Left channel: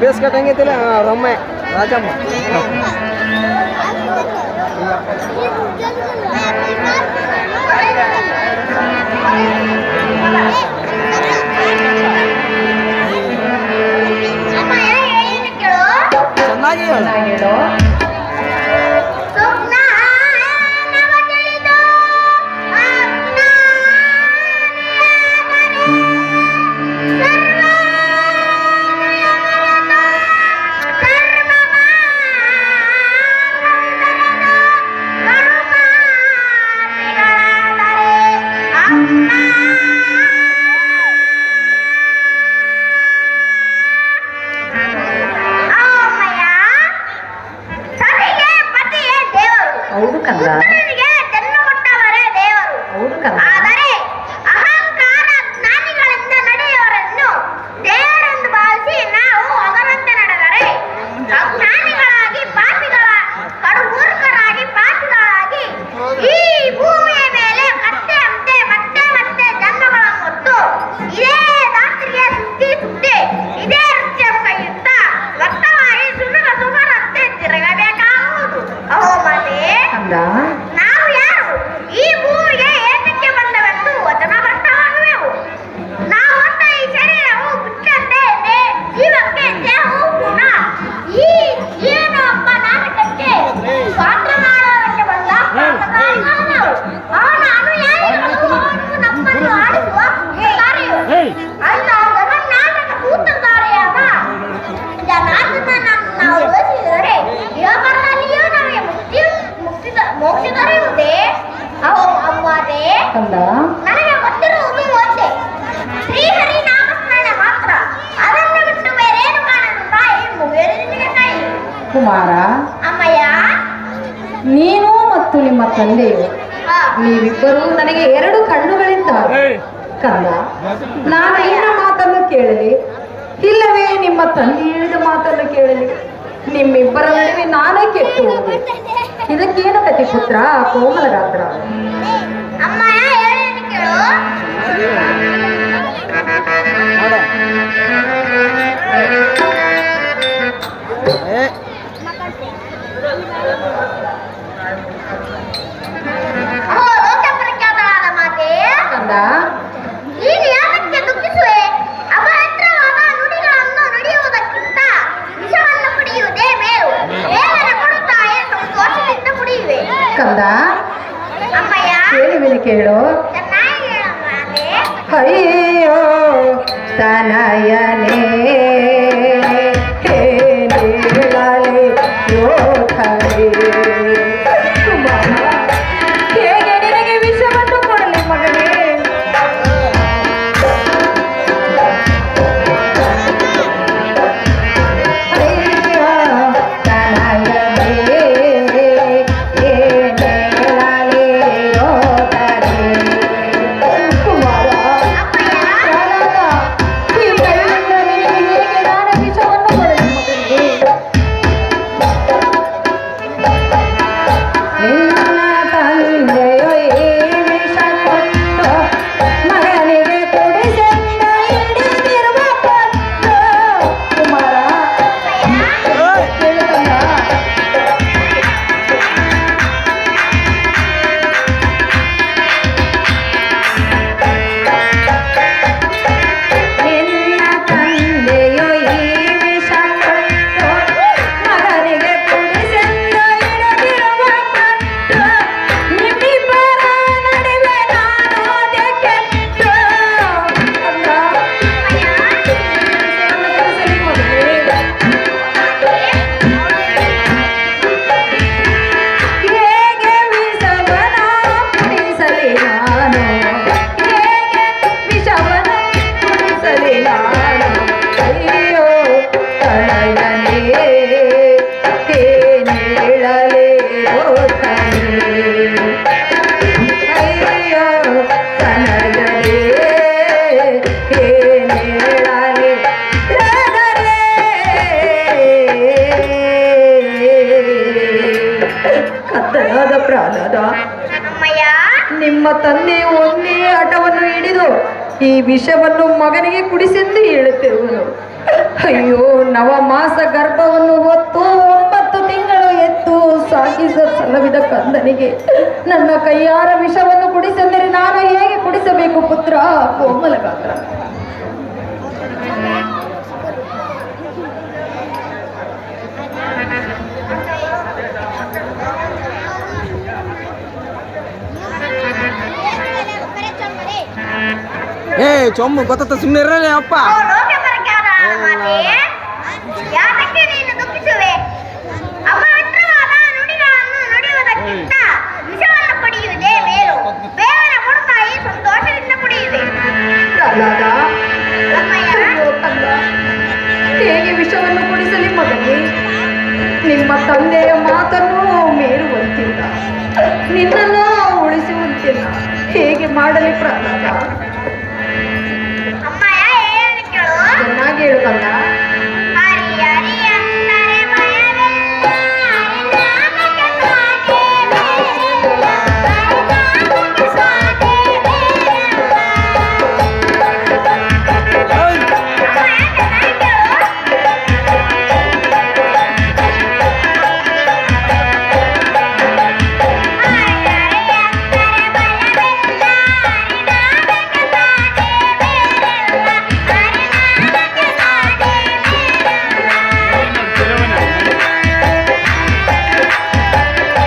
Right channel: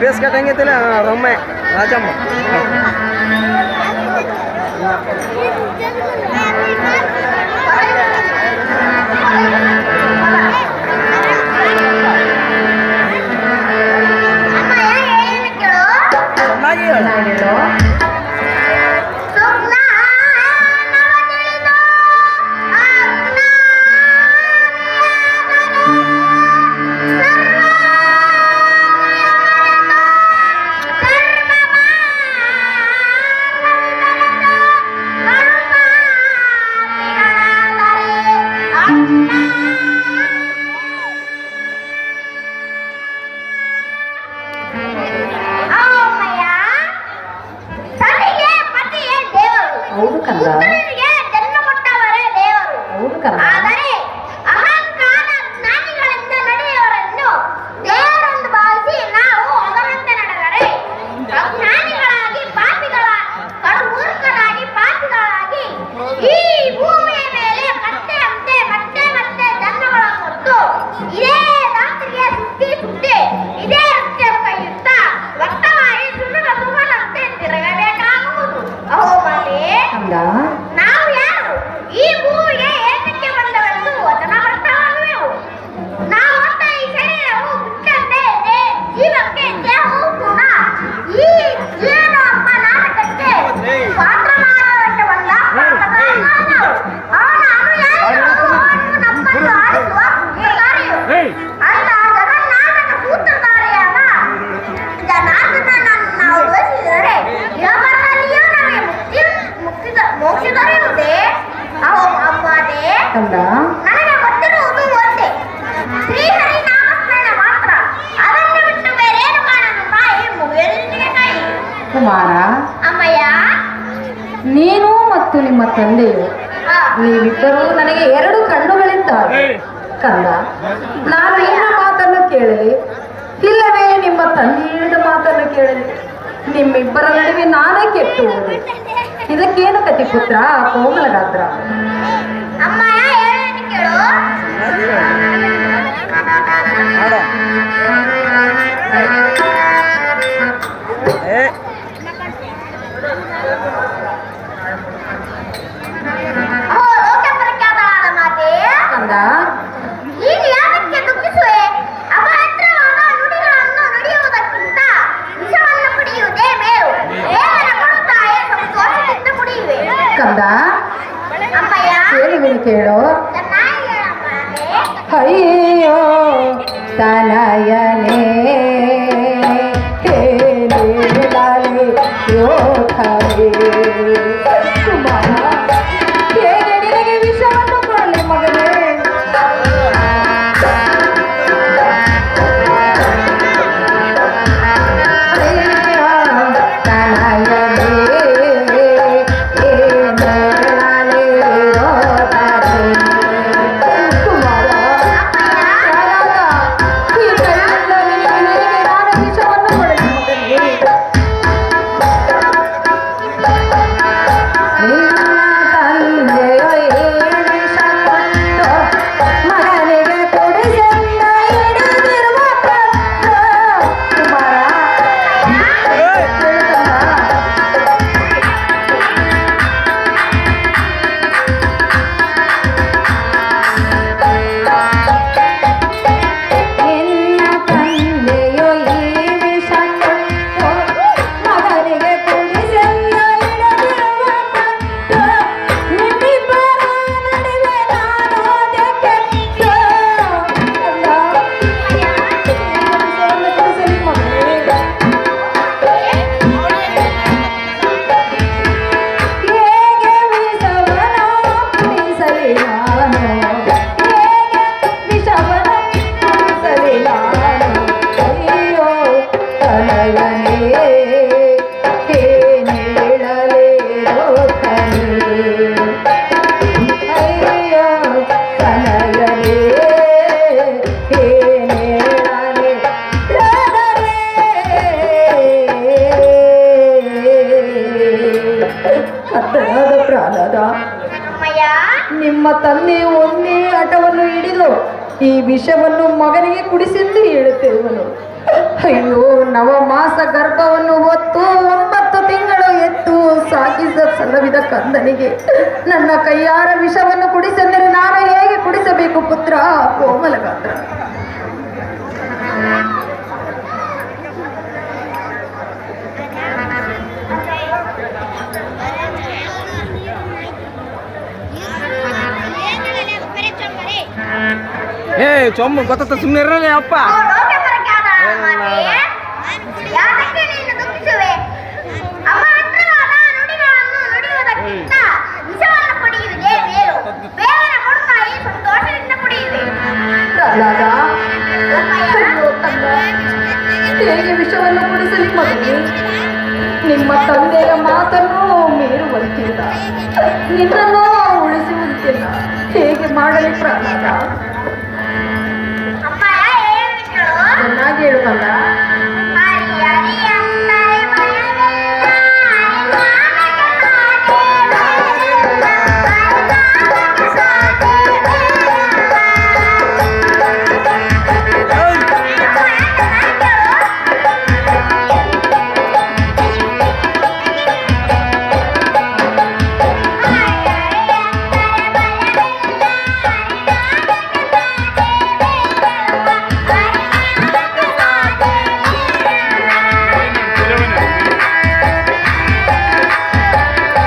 Face cut ಹಂಗೈತಿಲ್ಲ ರೊಮ್ಮೆ Rajamma ಚೆನ್ನಾಗಿ ಹೇಳು ಹೌದು ಕಂದ ಹೌದು ಕಂದ ಅಹಂಕಾರ ಜ್ಞಾನಿಗಳಿಂದ ನಡೆಯುವವರನ್ನು ದೇವರೆಂದು ಭಾವಿಸಿ ನಾವು ಅವರಂತೆ ನಡೆದರೆ ಜ್ಞಾನಿಗಳಾಗಿ ಮೂರ್ಖರಾಗಿ ಪಾಪಿಗಳಾಗಿ ಈ ಭೂಮಿಯ ಮೇಲೆ ಕತ್ತೆಯಂತೆ ಮತ್ತೆ ಮತ್ತೆ ಜನ್ಮಗಳನ್ನು ಹೊತ್ತು ಇದೇ ರಾತ್ರಿಯ ಸುತ್ತಿ ಇದೇ ನೃತ್ಯ ಕೈಯುತ್ತ ವರ್ತಮಾನಿ ಸುಮರಂತೆ ತಿರುಗಬೇಕಾಗುವುದು. ಅಹೋ ಮನೆ ನಾವು ಯಾರು ಈ ಭೂಮಿಗೆ ಏತಕ್ಕೆ ಬಂದವೆಂದು ವಚನ ಭ್ರಷ್ಟವಾಗುವೆವು. ನಾವು ಹೊತ್ತ ಈ ಶರೀರವು ಬಿಟ್ಟಂತೆ ಜೀವಕ್ಕೆ ದೇಹವು ಕೂಡ ಈ ಏನು ಅಪ್ಪ ನಾಟಕಕ್ಕೆ ಪಾತ್ರ ಮಾಡೋದಕ್ಕೆ ಬಂದ ಅವನ ಅನುಯಾಯಿಗಳು ನಮ್ಮನ್ನು ಆಡಿಸುವ ಕಾರ್ಯವು ಅಂತ ಜಗನ್ನಾಟಕ ಸೂತ್ರಧಾರಿಯಾದ ಜನಾರ್ದನನನ್ನು ನಾವು ಯೋಚಿಸಿದರೆ ಯೋಗದಲ್ಲಿಯೂ ನಮಗೆ ಮೋಕ್ಷ ದೊರೆಯುವುದೇ? ಅಮ್ಮದೇ ನನಗೆ ಗೊತ್ತಿರುವುದು ಒಂದೇ, ಶ್ರೀಹರಿ ನಾಮಸ್ಮರಣೆ ಮಾತ್ರ. ಅದನ್ನು ಬಿಟ್ಟು ಬೇರೇನು ಮಾಡಲು ತಾಯಿ ಮುಗಿಯಲಿಗೆ ಕೈ. ಕುಮಾರ ಅಮ್ಮಯ್ಯ, ನೀನು ಮತ್ತು ನಿಮ್ಮ ತಂದೆಯು ನೀವಿಬ್ಬರೂ ನನಗೆ 2 ಕಣ್ಣುಗಳಿದ್ದಾವೆ ಕಂದ. ನಾನು ನಿನ್ನ ಮಾತನ್ನು ಕೇಳಲಿ, ಇಲ್ಲವೇ ನಿಮ್ಮ ತಂದೆಯ ಮಾತನ್ನು ಕೇಳಲಿ? ನಿಮ್ಮಿಬ್ಬರ ನಡುವೆ ನಾನೇ ಕೆಟ್ಟು ಹೋದೆ. ಇದಕ್ಕೇನು ಕತಿ ಪುತ್ರ ಕೋಮಲಗಾತ್ರ? ಅಮ್ಮಯ್ಯ ಹೇಳೇನು ಕೇಳು. ಲೋಕಪ್ರಖ್ಯಾತವಾದ ಮಾತೆ ಕಂದ, ನೀನು ಯಾಕೆ ದುಃಖಿಸುವೆ? ಅಪವಿತ್ರವಾದ ನುಡಿಗಳನ್ನು ನುಡಿಯುವುದಕ್ಕಿಂತ ವಿಷವನ್ನು ಕುಡಿಯುವುದೇ ಮೇಲು. ದೇವರೇ ಕೊಡುತ್ತಾಯೇ ಸಂತೋಷದಿಂದ ಕುಡಿಯುವೆ. ಕಂದ ಅಮ್ಮಯ್ಯ ಕೇಳುವಿನ ಕೇಳು. ಚೆನ್ನಾಗಿ ಹೇಳಮ್ಮ. ಅಯ್ಯೋ ತನಯನೇ ಕುಮಾರ, ಹೇಗೆ ನಿನಗೆ ವಿಷವನ್ನು ಕೊಡಲಿ ಮಗನೇ? ಕುಮಾರ, ಈ ಕಣ್ಣಲ್ಲಿ ಹೇಗೆ ಅಮ್ಮಯ್ಯ ನಿಮ್ಮ ತಂದೆ ಒಂದೇ ಹಠವನ್ನು ಹಿಡಿದು ಈ ವಿಷವನ್ನು ಮಗನಿಗೆ ಕುಡಿಸೆಂದು ಹೇಳುತ್ತಿರುವನು. ಅಯ್ಯೋ, ನವಮಾಸ ಗರ್ಭವನ್ನು ಹೊತ್ತು 9 ತಿಂಗಳು ಎತ್ತು ಸಾಕಿಸ ಸಲ್ಲವಿದ ಕಂದನಿಗೆ ನನ್ನ ಕೈಯಾರ ವಿಷವನ್ನು ಕುಡಿಸೆಂದರೆ ನಾನು ಹೇಗೆ ಕುಡಿಸಬೇಕು ಪುತ್ರ ಕೋಮಲಗಾತ್ರ? ಏ ಚೊಮ್ಮ ಗೊತ್ತ ಸುಮ್ಮನೆ ಇರಲಿ ಅಪ್ಪ. ಯಾಕೆ ನೀನು ದುಃಖಿಸುವೆ? ಅಪವಿತ್ರವಾದ ನುಡಿಗಳನ್ನು ನುಡಿಯುವುದಕ್ಕಿಂತ ವಿಷವನ್ನು ಕುಡಿಯುವುದೇ ಮೇಲು. ಬೇಗನೆ ಕೊಡುತ್ತಾಯಿ ಸಂತೋಷದಿಂದ ಕುಡಿಯುವೆ. ಪ್ರಹ್ಲಾದ, ಅಮ್ಮಯ್ಯ ಅಯ್ಯೋ ಕಂದ, ಹೇಗೆ ವಿಷವನ್ನು ಕುಡಿಸಲಿ ಮಗನೇ? ನಿಮ್ಮ ತಂದೆಯ ಮಾತನ್ನು ಮೀರುವಂತಿಲ್ಲ, ನಿನ್ನನ್ನು ಉಳಿಸುವಂತಿಲ್ಲ. ಹೇಗೆ ಮಾಡಲಿ ಪ್ರಹ್ಲಾದ? ಅಮ್ಮಯ್ಯ ಏನು ಕೇಳು? ಚೆನ್ನಾಗಿ ಹೇಳು ಕಂದ. ಹರಿ ಹರಿ ಅಂದರೆ ಭಯವಿಲ್ಲ, ನಾಮಕ್ಕೆ ಸಾಧ್ಯವಿಲ್ಲ, ನಾಮಕ್ಕೆ ಸಾಧ್ಯವಿಲ್ಲ.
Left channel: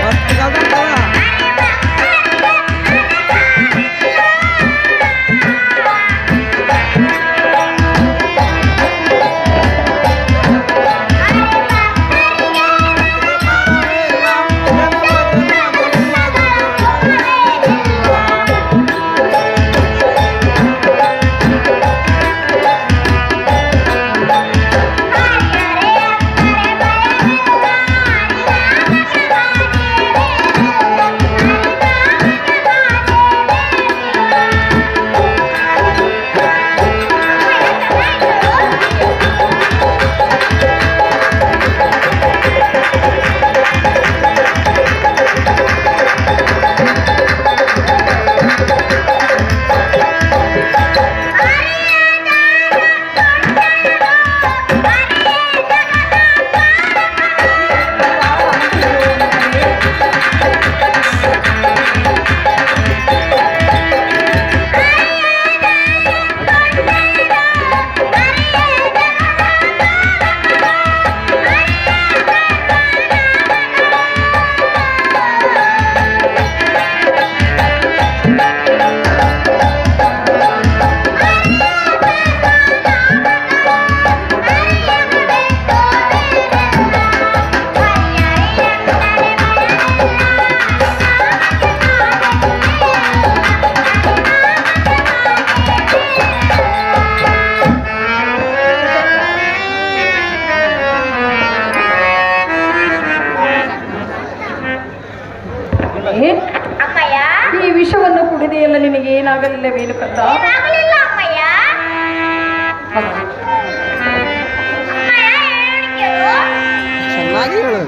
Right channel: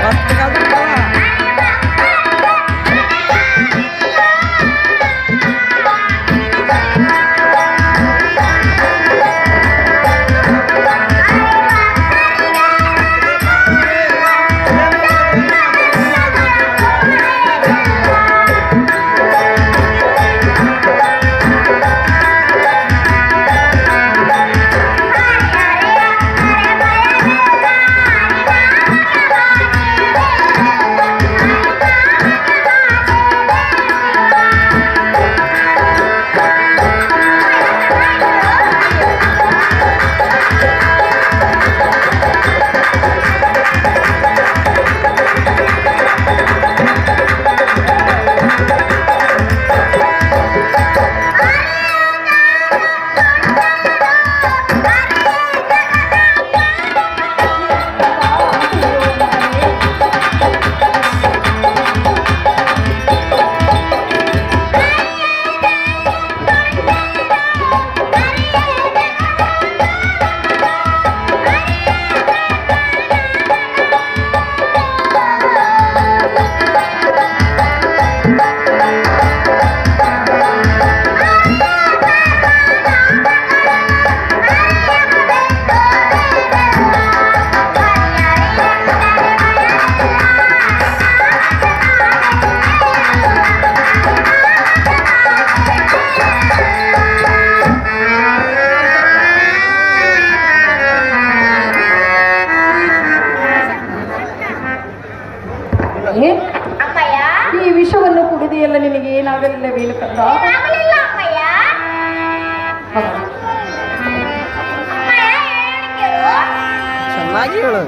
ಮಸ್ತ್ ಕಲ್ತಪ್ಪ. ಅಮ್ಮಯ್ಯ ಈ ವಿಷವನ್ನು ಕುಡಿದೆಯಲ್ಲ ನಿನಗೆ ಏನಾಗಲಿಲ್ಲವೇನು ಕಂದ? ಏನಾಗಲಿಲ್ಲ ಅಮ್ಮಯ್ಯ. ಮಗ, ಅಮ್ಮಯ್ಯ ಏನು ಕೇಳು? ಚೆನ್ನಾಗಿ ಹೇಳು.